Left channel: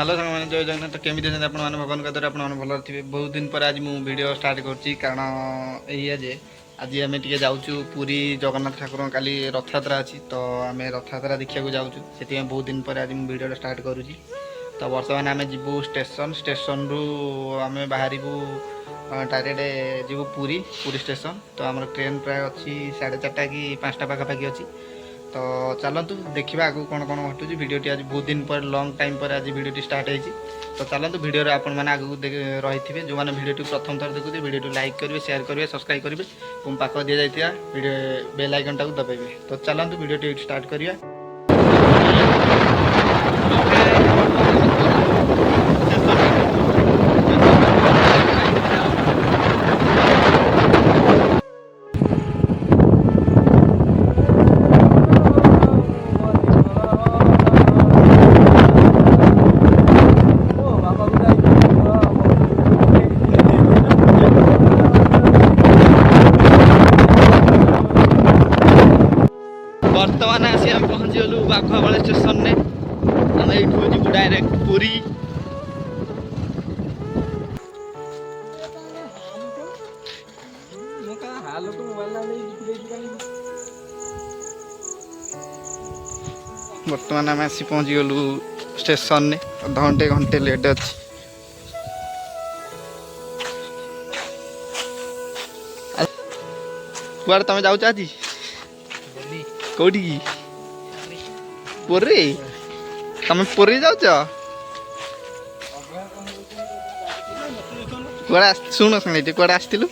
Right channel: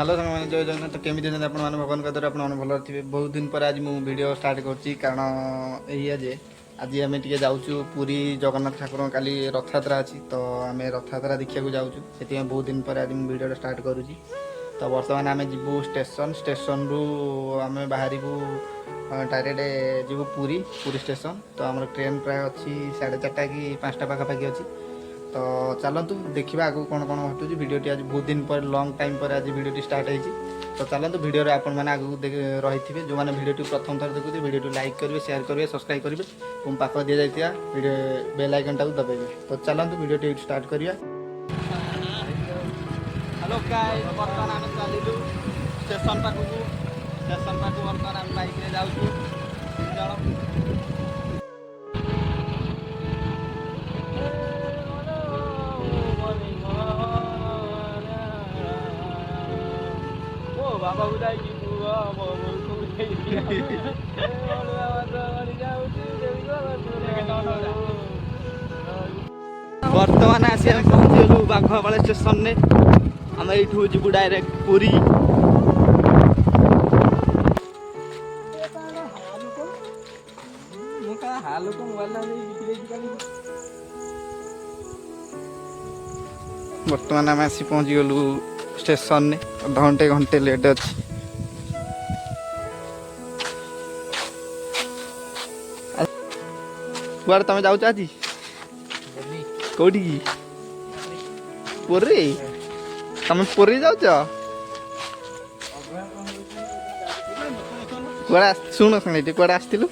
Hello सांग मैंने जय जगन्नाथ। केमी अच्छे आप भगवान का द्वारा आप भल थे। बहुत दिन पर आज मुझे वीडियो स्टार्ट कर कारण ये आज आम टे जाऊँ पुरी जगन्नाथ ठाकुर काली रथयात्रा अच्छी तो आम रथयात्रा देखा जाऊँ से बहुत दिन पर आज मुझे वीडियो स्टार्ट करुँची। तो बर्तमान आम जीवु स्टेशन रु आम बाहर डायरेक्ट जीवु पुरी पुरी स्टेशन। तो आम ट्रेन प्राय अच्छी 4:30 कि 5टा पाखापाखि अच्छी। तो चलतु देखा आगू कौन कौन घटुची। वीडियोटी आज बहुत दिन पर लॉन्ग टाइम पर आज वीडियोटी स्टार्ट होती। तो चलतु वीडियो आपण मैंने आगू रही थे जो मैंने वीडियोटी प्रथम थर देखुए वीडियो लाइक करेंगे, शेयर करेंगे, सब्सक्राइब करेंगे और पाख दि जाता वीडियो बेल आइकन टाक दबाइबे। तो चलतु वीडियोटी स्टार्ट करिया। बर्तमान आसी आम पहुँचीगलु बाघवाड़ा स्टेशन ने। आम यू जीवु डायरेक्ट पुरी। बर्तमान आम आसी पहुँचीगलु स्टेशन ने। अधघंटे घंटे लेट अच्छी। कुआड़ तुम जाऊच आज कौटी की पुरी तुम पुरी जाऊच कुआड़े शुण सांगे कुआड़े आसलु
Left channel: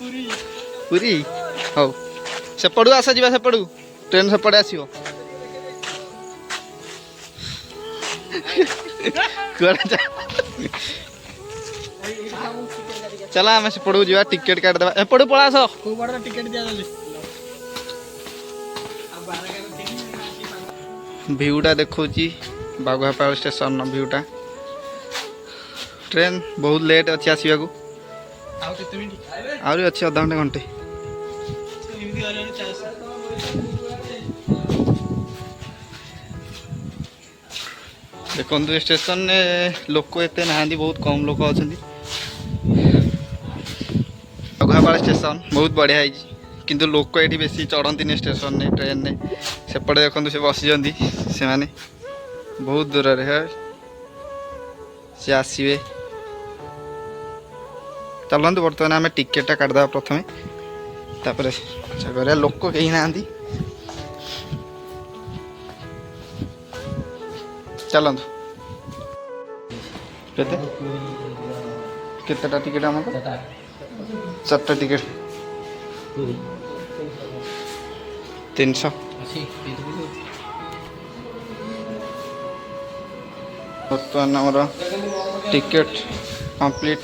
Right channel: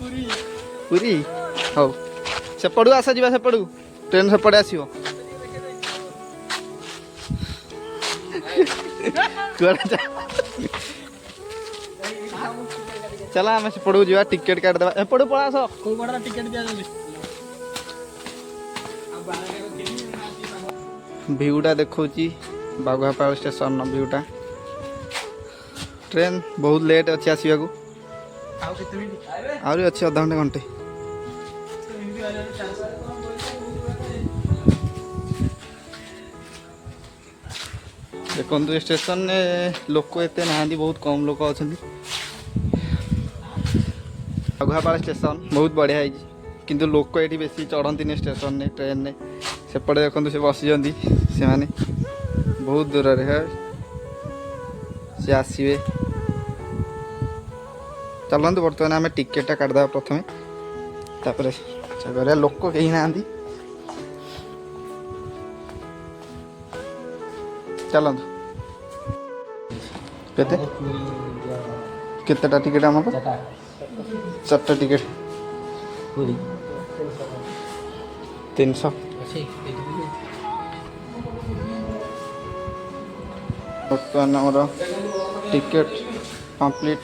पुरी। हौ सेपड़ू आस जा सेपड़ू ट्रेन सेपटे आसो कुआड़े चला आम सेपड़ू जा टिकेट काटिदेवा। एपड़ू पड़ा आस टिकेट दिया भ्यूटा देखी बाघुआपाल स्टेशन भ्यूटा। ट्रेन बहुत लेट अच्छी आसवाक आहरी अच्छी अधघंटे घंटे। देखो स्टेशन ने लोक एते ना बहुत कम लोक अच्छा। बाघुआपाल स्टेशन बहुत बढ़िया है किंतु लोक ये बेसी चढ़ती स्टेशन ने ट्रेन ने। सेपटे देखो से बसी से माने बहुत दूर है सी आसवे। चलते बर्तमान आम टिकेटा काटिदेवा प्रथम तापर कर लोक कहीं ना चलतु केतेटा टिकेट आमको 4टा टिकेट 300 बर्तमान आमर टिकेट कंप्लीट।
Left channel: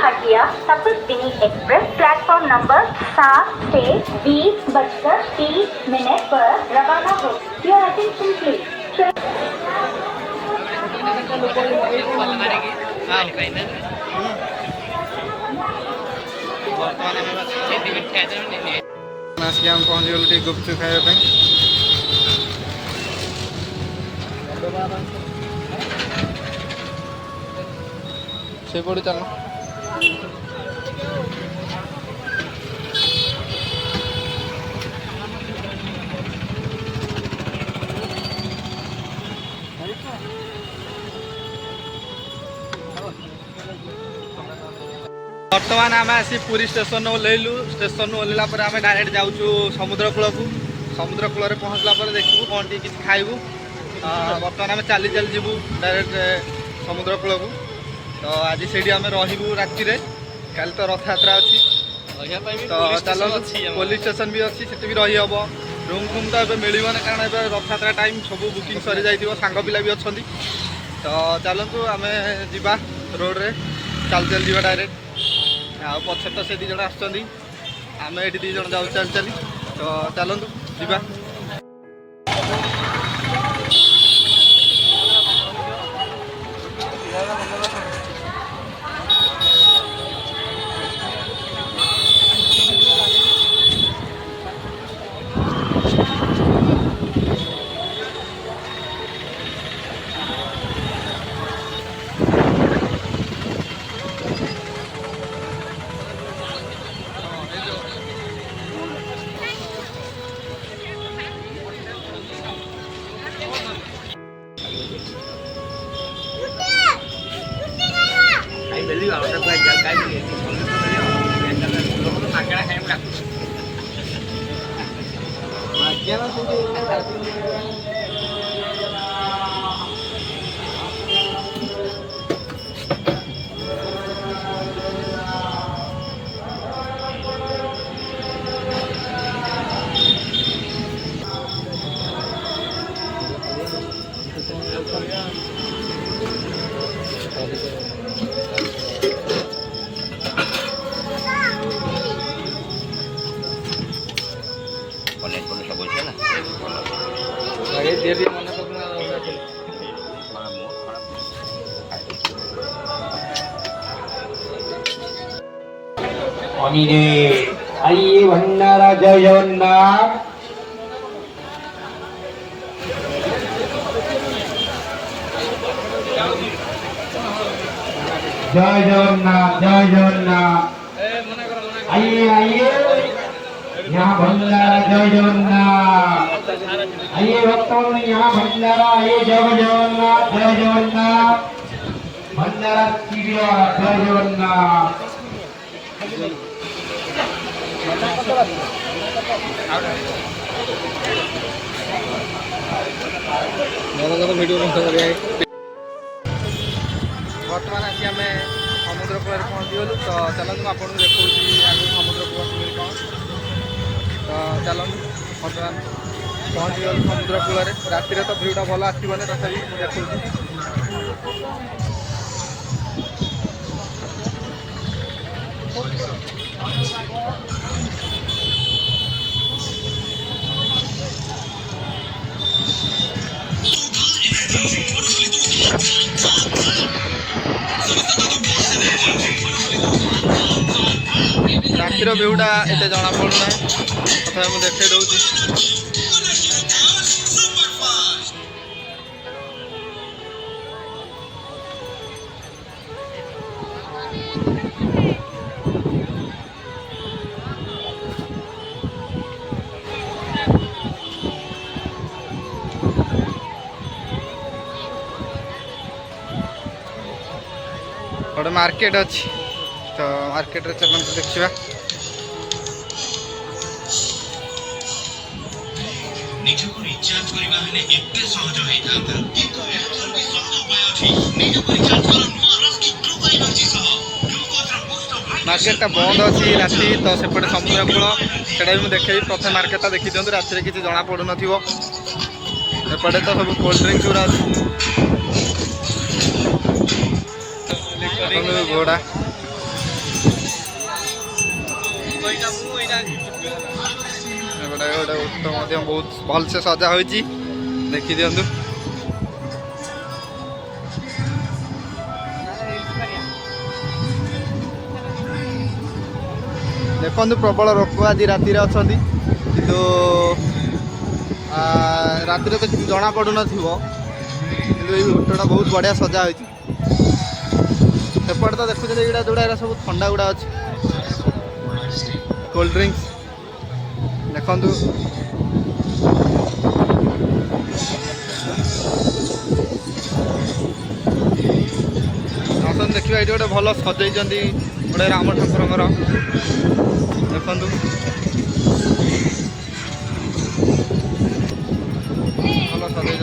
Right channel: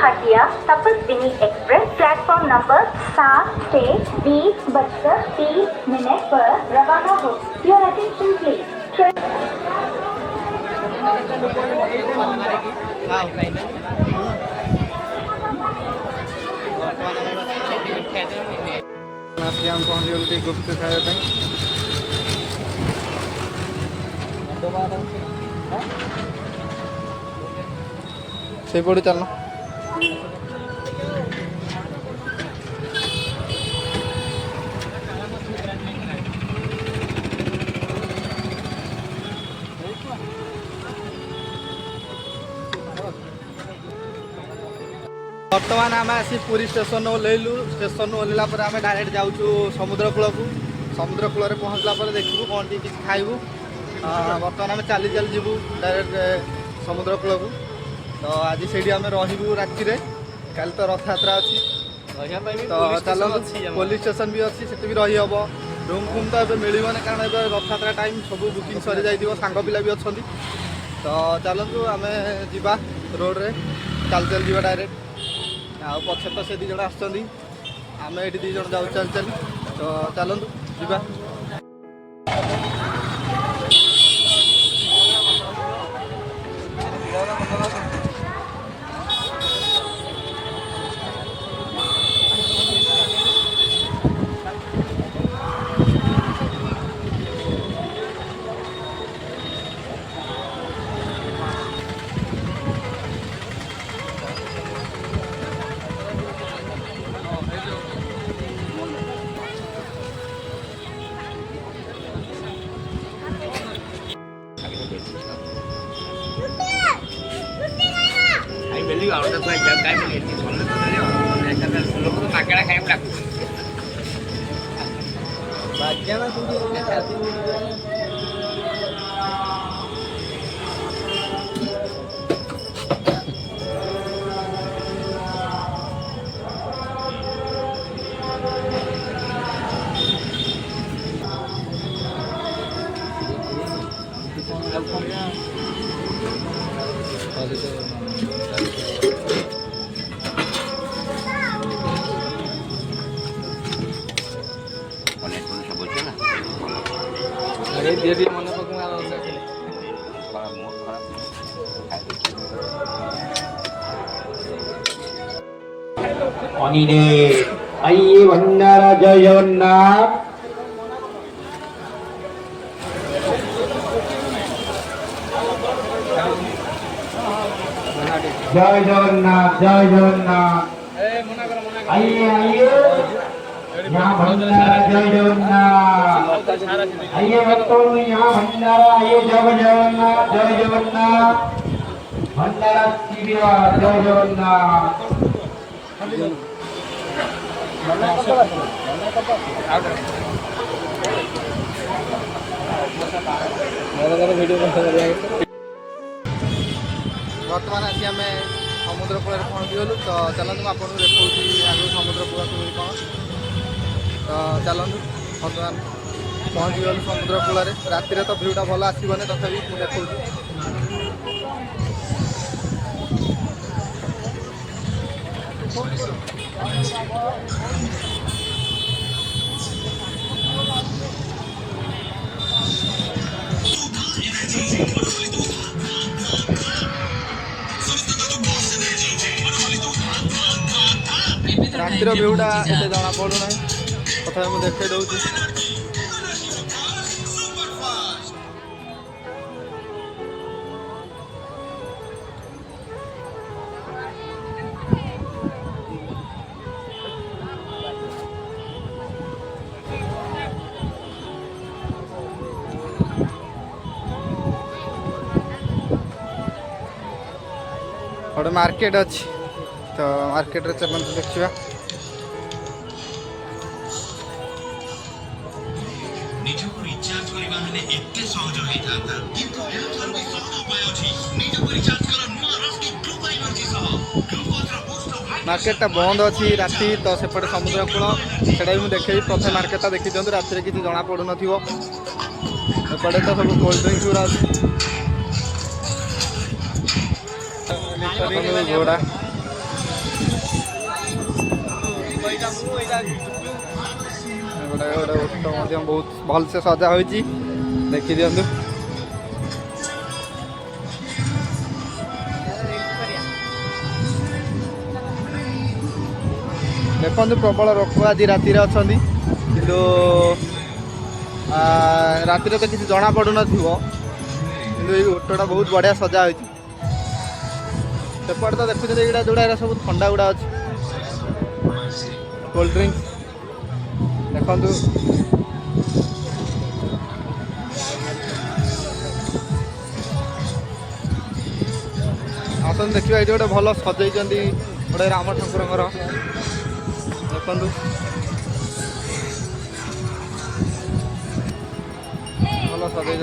हटिया तपस्विनी एक्सप्रेस प्लेटफॉर्म नंबर 7 से 20:30 पर रवाना हो। Your attention please. आम पहुँच गलु गुपचुप खावाई से पड़ू चल। बर्तमान आम आसी पुरी स्टेशन ओह्लैलु। स्टेशन ओह्लैला आम डायरेक्ट जाऊँ समुद्र कूल को। समुद्र कूल पहुँचला देखू कौन टी किसी खाइबू। बर्तमान आम चली चली जीवु डायरेक्ट समुद्र कूल को। तो आज से आम रही राति काली तो रथयात्रा अच्छी। तो चलतु पुलिस स्टेशन भी अच्छी से भी रही हम। रूम फूम तो ये मिलने कारण रथयात्रा टाइम सब बुकिंग सरी जाइए। सांग पिला भी अच्छा। तो चलतु आम जा रोड रे ଚାଲି ଚାଲି ଯିବା ଡାଇରେକ୍ଟ। ଆଉ ପଛରେ ତ ସେ 2 ଜଣ ଆସୁଛନ୍ତି, ଆମେ ଏଠି 2 ଜଣ ଯାଉଛୁ ଚାଲି ଚାଲି। ତ ଚାଲନ୍ତୁ ଯିବା। অনিরে আইয়ে ভন্ডারা জয় জগন্নাথ। জয় জগন্নাথ, জয় জগন্নাথ। आइए आइए यहाँ भंडारा, जय जगन्नाथ। आइए भक्तों यहाँ भंडारा, आइए जय जगन्नाथ, जय जगन्नाथ। भंडारा शिविर, जय जगन्नाथ। बर्तमान आसी आम समुद्र कूल पहुँची गलु। तो चलते आपको देखा आगे समुद्र कूल कौन। तो चलतु बर्तमान पहुँची गलु समुद्र कूल। राति तो भ्यूटा भल आसबनी, तथापि मुझे देखा रातिर भ्यूटा एत जना पड़ूना, तथा मुझे देखे दूसरी। गोटे मार्केट अच्छी, तो मार्केट रे चलते देखा। ନିଜକୁ ରିଚାର୍ଜ କରିବା ହେଲେ ଏତେ ସହଜ ହେଇଥାନ୍ତା, କିନ୍ତୁ ଏହାଠାରୁ ବି ସହଜ ଉପାୟ ଅଛି। ନିଜକୁ ରିଚାର୍ଜ କର ନୂଆ ରସ୍କି ଗ୍ଲୋବାଲ ଏନର୍ଜି ସହ। ଗ୍ଲୁକୋଜର ବୁଷ୍ଟ ଅଫ୍ मार्केटा बंद अच्छी राति, तो सेपटे समुद्र कूल से भी देखे। प्रथम मार्केटा देखी दिखाँ, राति किसी जना पड़ू नपटे तो सब कोल्ड ड्रिंक्स गुरा घोड़ा गोटे गोटे बहुत भल से सजा हो देखी दिंतु। देखु प्रबल लोक आज राति अच्छा किंतु राति तो किसी जना पड़ू न किंतु ये होटलटा बहुत बढ़िया सजा हो। सेपटे तो देखुं यहाँ जोड़ा सब ठंडा गुड़ा अच्छे कोल्ड ड्रिंक्स देखु। आसत देखिए ये गोटे भल सजई गोटे राम ठाकुर देखु। भल सजई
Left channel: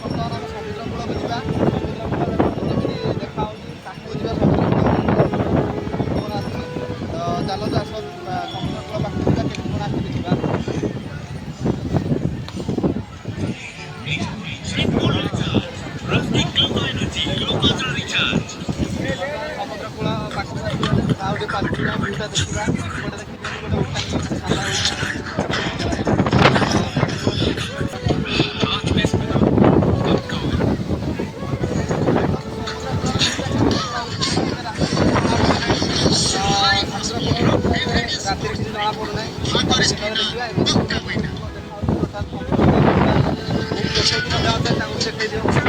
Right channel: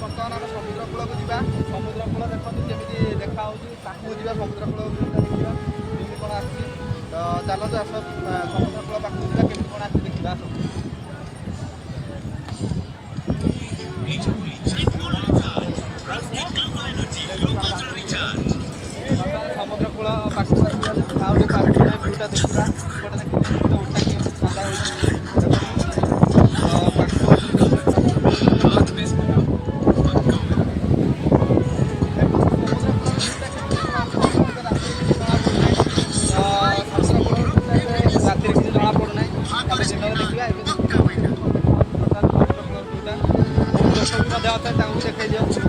बर्तमान आम समुद्र कूल को जा। समुद्र कूल देखा समुद्र कूल कौन आस। तो चलते आस समुद्र कूल पाखक जा के कौन आस देखा। ନିଜକୁ ରିଚାର୍ଜ କର। ରସ୍କି ଗ୍ଲୋବାଲ ଏନର୍ଜି ଗ୍ଲୁକୋଜର ପାଖକୁ ଆସିଗଲେ ଆଉ ଟିକେ ପାଖକୁ ଯାଇ ଭିଉଟା ଦେଖିବା। ଏପଟେ ଦେଖିବା ଉଠା ସାଦା ରାତିରେ କିଛି ଜଣା ପଡ଼ୁନାହିଁ। କାଲି ଦିନରେ ଦେଖିବା ଏବେ ଲୋକ ବି ମଧ୍ୟ ଅଛନ୍ତି ତାଙ୍କୁ ଦେଖାଇ ଦିଅନ୍ତୁ।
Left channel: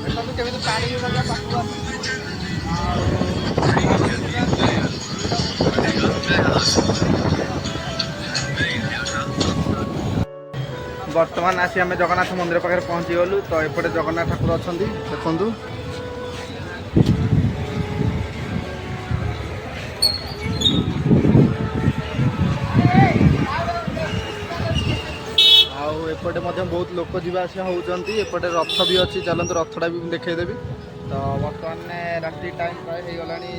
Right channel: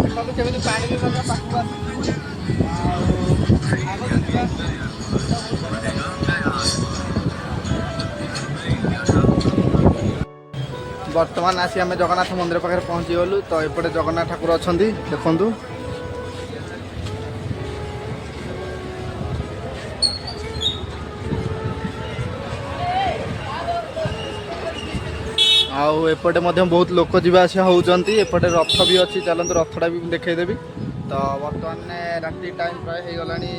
ଦେଖନ୍ତୁ କେମିତି ପାଣି ବି ମଧ୍ୟ ପାଖକୁ ଆସୁଛି ଆଉ ବର୍ତ୍ତମାନ ଆସି ଆମେ ଜଗନ୍ନାଥ ମନ୍ଦିର ପାଖରେ ପହଞ୍ଚିଗଲୁ। ତ ଏପଟେ ଜଗନ୍ନାଥ ଠାକୁର ଅଛନ୍ତି ଦେଖନ୍ତୁ। ଆଉ ଏପଟେ ମଧ୍ୟ ବହୁତ ଲୋକ ଯିବା ଆସିବା ହେଉଛନ୍ତି। ଏପଟେ ରଥ ବି ଅଛି, ଚାଲନ୍ତୁ ରଥଟା ବି ମୁଁ ଦେଖାଇଦେବି। ତ ବର୍ତ୍ତମାନ ରାତି ଟାଇମ୍ ପ୍ରାୟ ହେଇଗଲାଣି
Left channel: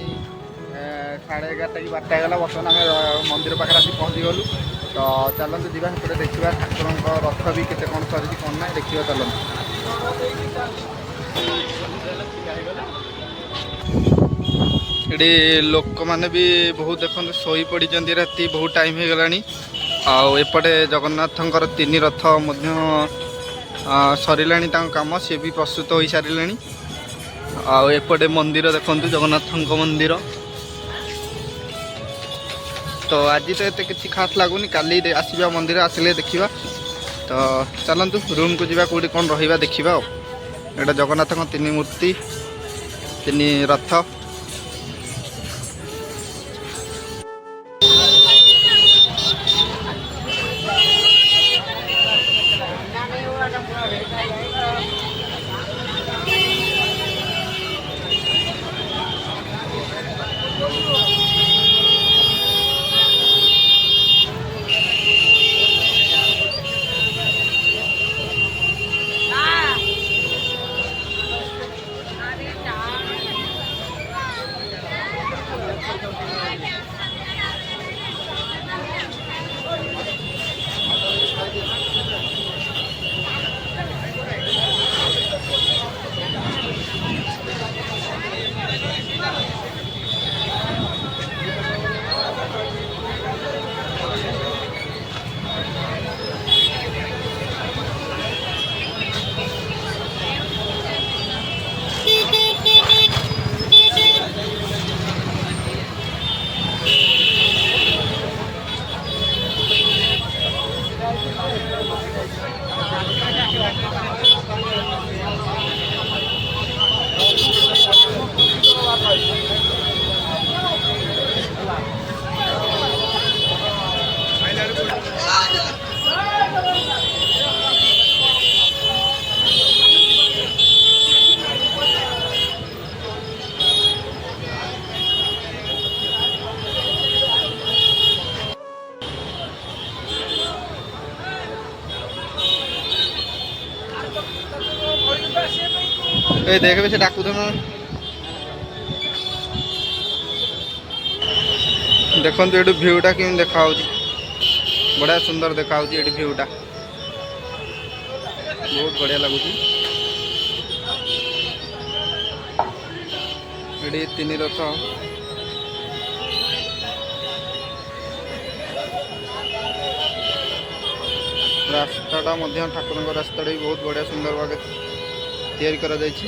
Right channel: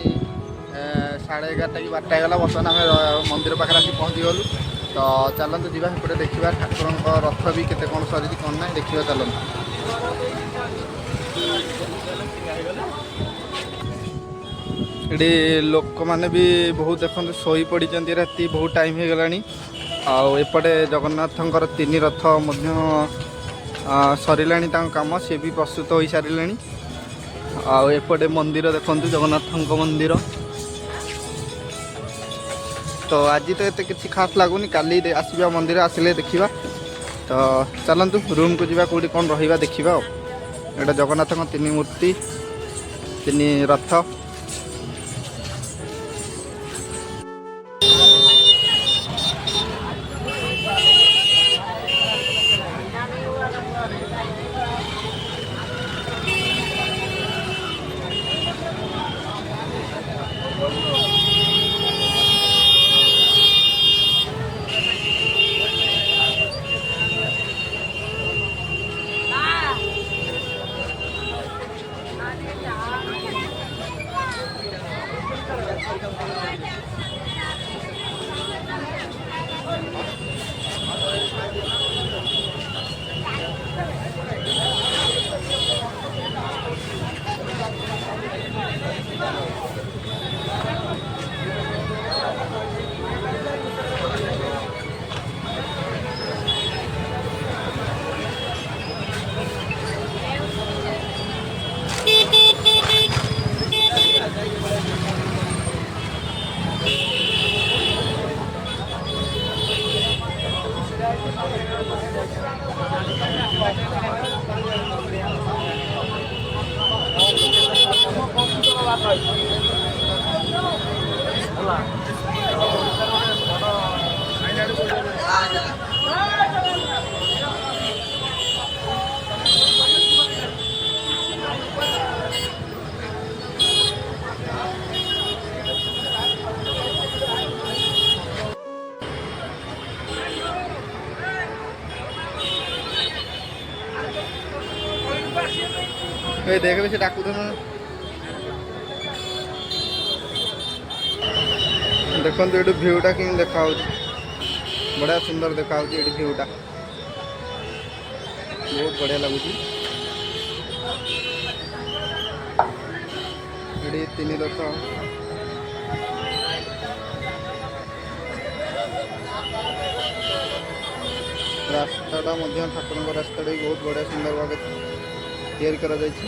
11:30 କି 12ଟା ହେଇଗଲା। ବର୍ତ୍ତମାନ ଆମେ ମନ୍ଦିର ପାଖରେ ଆସି ପହଞ୍ଚିଗଲୁ। ତ ଚାଲନ୍ତୁ ଯିବା ସେପଟେ ଦେଖିବା ଠାକୁରଙ୍କ ରଥ ବି କେତେ କ'ଣ ସରିଛି କ'ଣ ନାହିଁ ଦେଖିବା ଚାଲନ୍ତୁ। ଏଠି ଲୋକମାନେ ବି ବହୁତ ଦେଖନ୍ତୁ ଶୋଇ ପଡ଼ିଛନ୍ତି, ରାତି ବହୁତ ଟାଇମ୍ ହେଇଗଲାଣି। ଆଉ ଏପଟେ ଜଗନ୍ନାଥଙ୍କର 3 ରଥ ମଧ୍ୟ ସରିଲାଣି ତାଙ୍କ କାମ, ସିଏ ବି ପ୍ରସ୍ତୁତ ହୋଇସାରିଲେଣି। ଆଉ ଏପଟେ ମନ୍ଦିର ଦେଖନ୍ତୁ ଜଗନ୍ନାଥଙ୍କ ମନ୍ଦିର। ତ ଆଜି ତ ଏତେ କିଛି ଖାସ୍ ଲାଗୁନି, କାଲି ଆସିବା ମନ୍ଦିର ଆସିଲେ ଦେଖିବା। ତ ଚାଲନ୍ତୁ ରୁମ୍କୁ ଯିବା, କେଉଁଠି କ'ଣ ରହିବା ଦେଖିବା। ଆଉ ଏଇଟା ଜଗନ୍ନାଥଙ୍କ 3 ମୂର୍ତ୍ତି 3 ରଥ। ए देख से डाकू तो देखो ये भ्यूटा कि देखा बढ़िया सुंदर देखा ये भ्यूटा बहुत बढ़िया लगुच। ये 3 रथ रास्ताटा ठाकुर रास्ता भी बहुत बढ़िया सुंदर भाव तैयारी करा जायछि।